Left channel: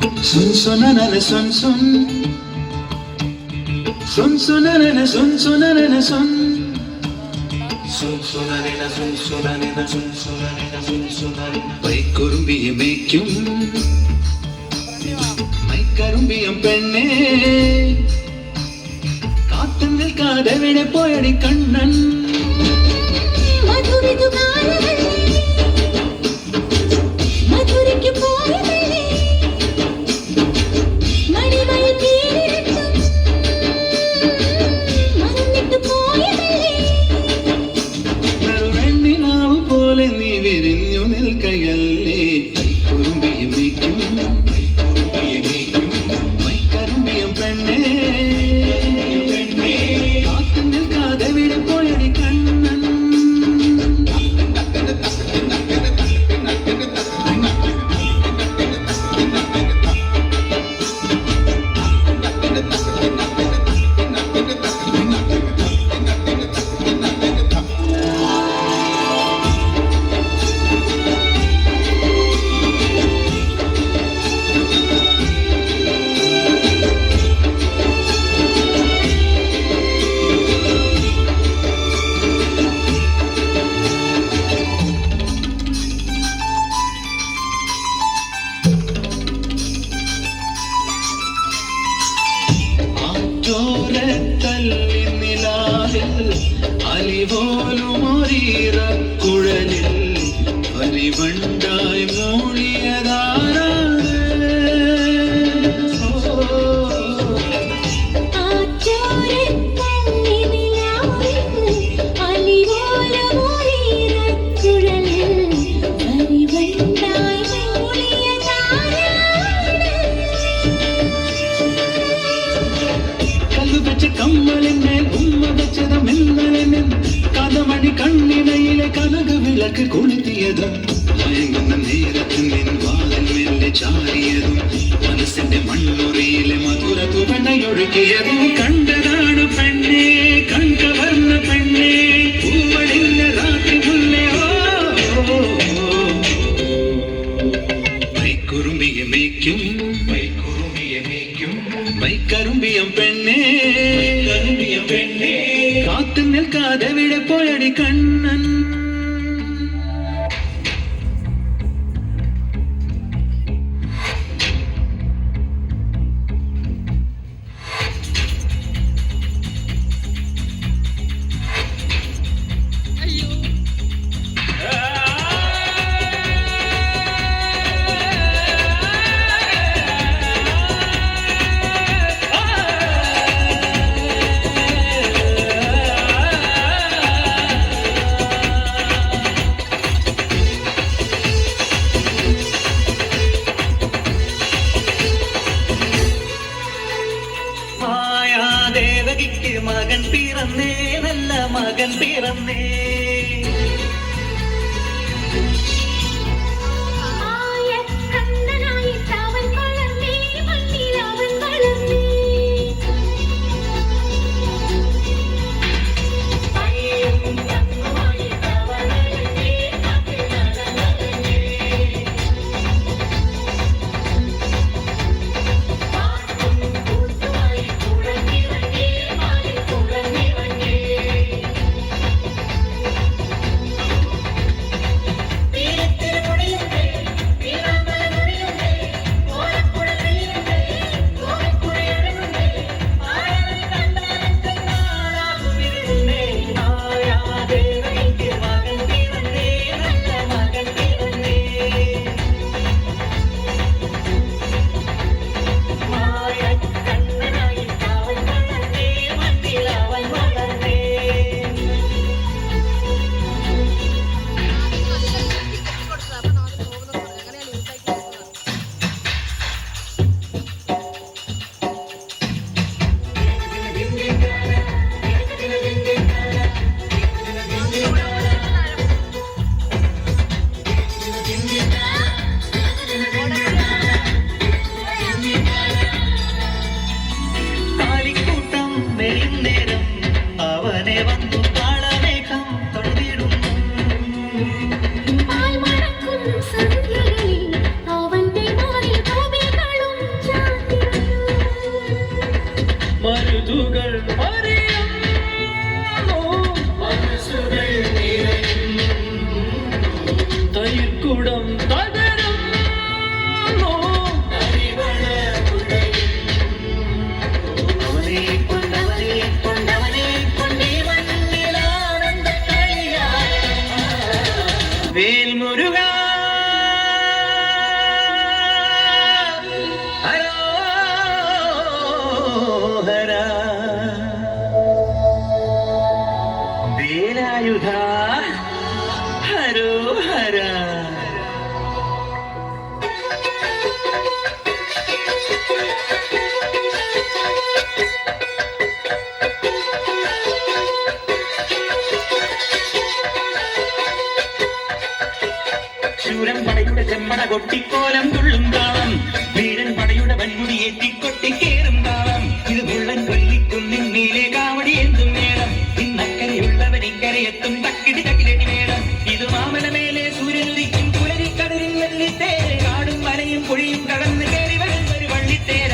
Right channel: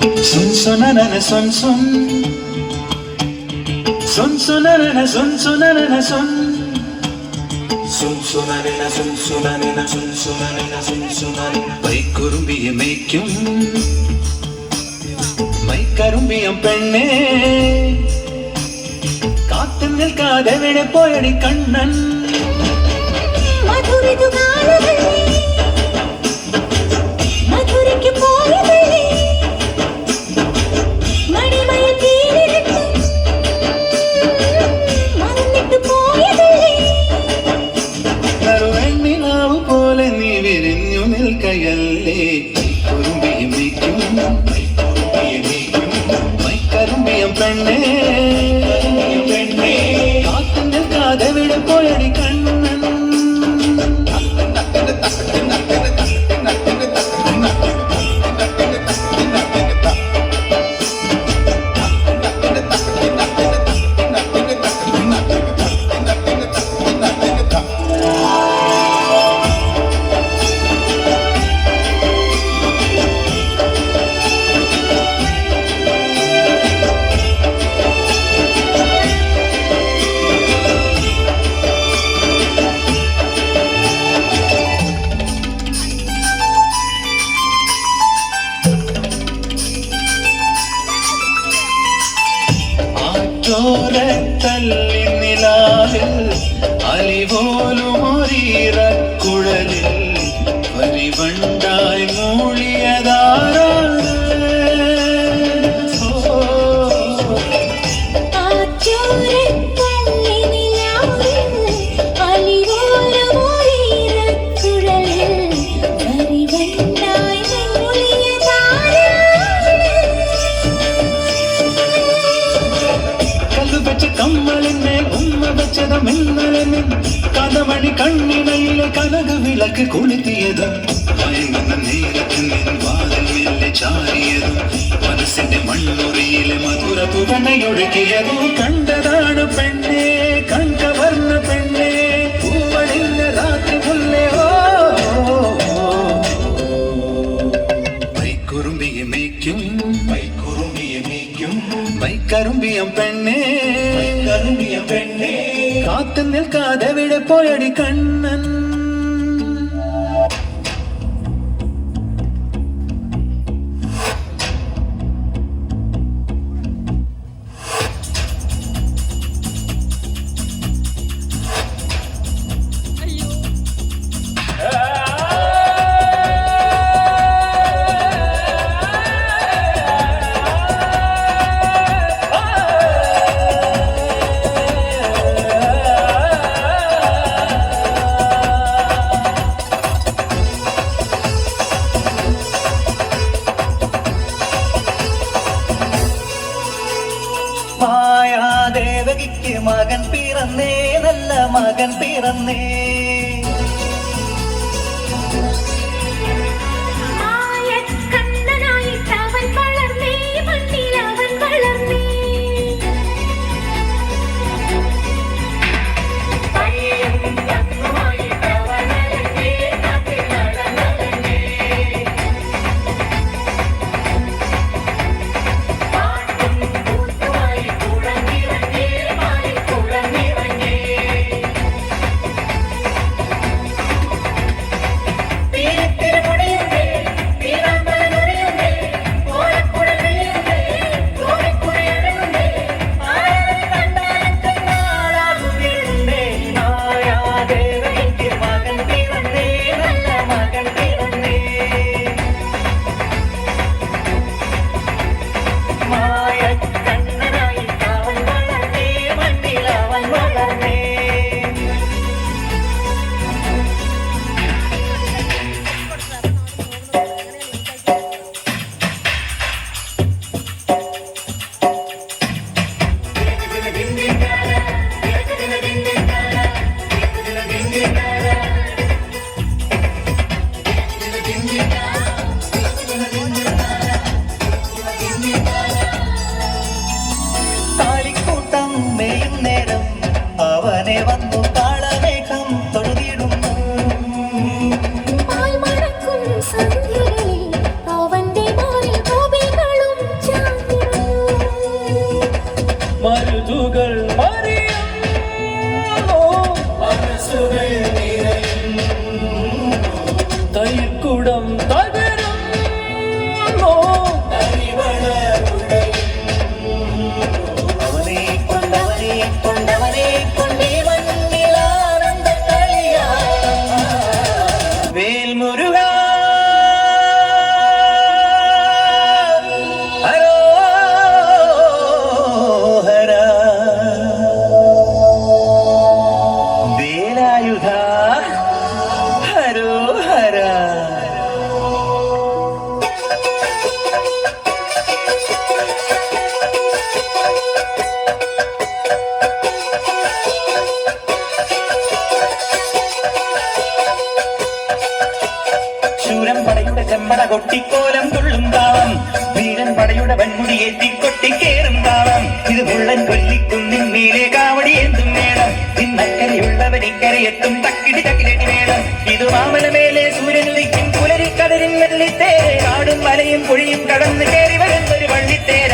Sun sunanana sun sun. Sun sunanana sun sunanana sun. Sun sunanana sun sunanana sun sunanana sun sunanana. മൈക്കുറുമ്പിയെ മേയ്ക്കും മൈക്കറുമ്പിയം പെണ്ണേ കാത്തു നിൽക്കാതെ എവിടെ പോയടി കണ്ണൻ തല്ലി നിലാവിൽ അലിപോലുമൊരീറക്കുഴലിൽ പരിവണ്ടായി മൂളിയതാരാണ് കമ്മലിന്മേൽ ഉമ്മ വെച്ചതമെന്നൊരെന്നിൻ കഥമണി കണ്ണിണയിലെ കനക വിളക്ക് കൊളുത്തിയതും മയങ്ങുന്ന നേരത്ത് നിൻ വാതിൽ മെല്ലെ ചാരിയതും മനസ്സിന്റെ മണ്ണുറിയിലെ മധുര തുറന്നയൊഴുകിയതും കണ്ടതാണ് പെണ്ണേ കൺകവർന്ന പെണ്ണേ പൂവണിന്റെ രാത്രി മുല്ലേ മൈക്കുറുമ്പിയെ മേയ്ക്കും മൈക്കറുമ്പിയം പെണ്ണേ കാത്തു നിൽക്കാതെ എവിടെ പോയടി കണ്ണൻ ദേവകിക്ക് മകൻ പിറന്നേ നല്ല മകൻ പിറന്നേ തുള്ളിക്കേറും താളം ഇത് മുള്ളൻ കൊല്ലിക്കുന്നിൻ മേലെ കാവടി എന്തും വേണം ഇന്നക്കരയുള്ളവൻ ഇക്കരയെത്തും തക്കിടി തക്കിലടി വേണം ഇത് മാമലമേലെ സൂര്യനുദിക്കും പുലരിക്കടലിൻ വെള്ളിത്തേര് കാടും മലയും കുഴിയും കടന്ന് കയറി വരുന്നൊരു വള്ളിത്തേര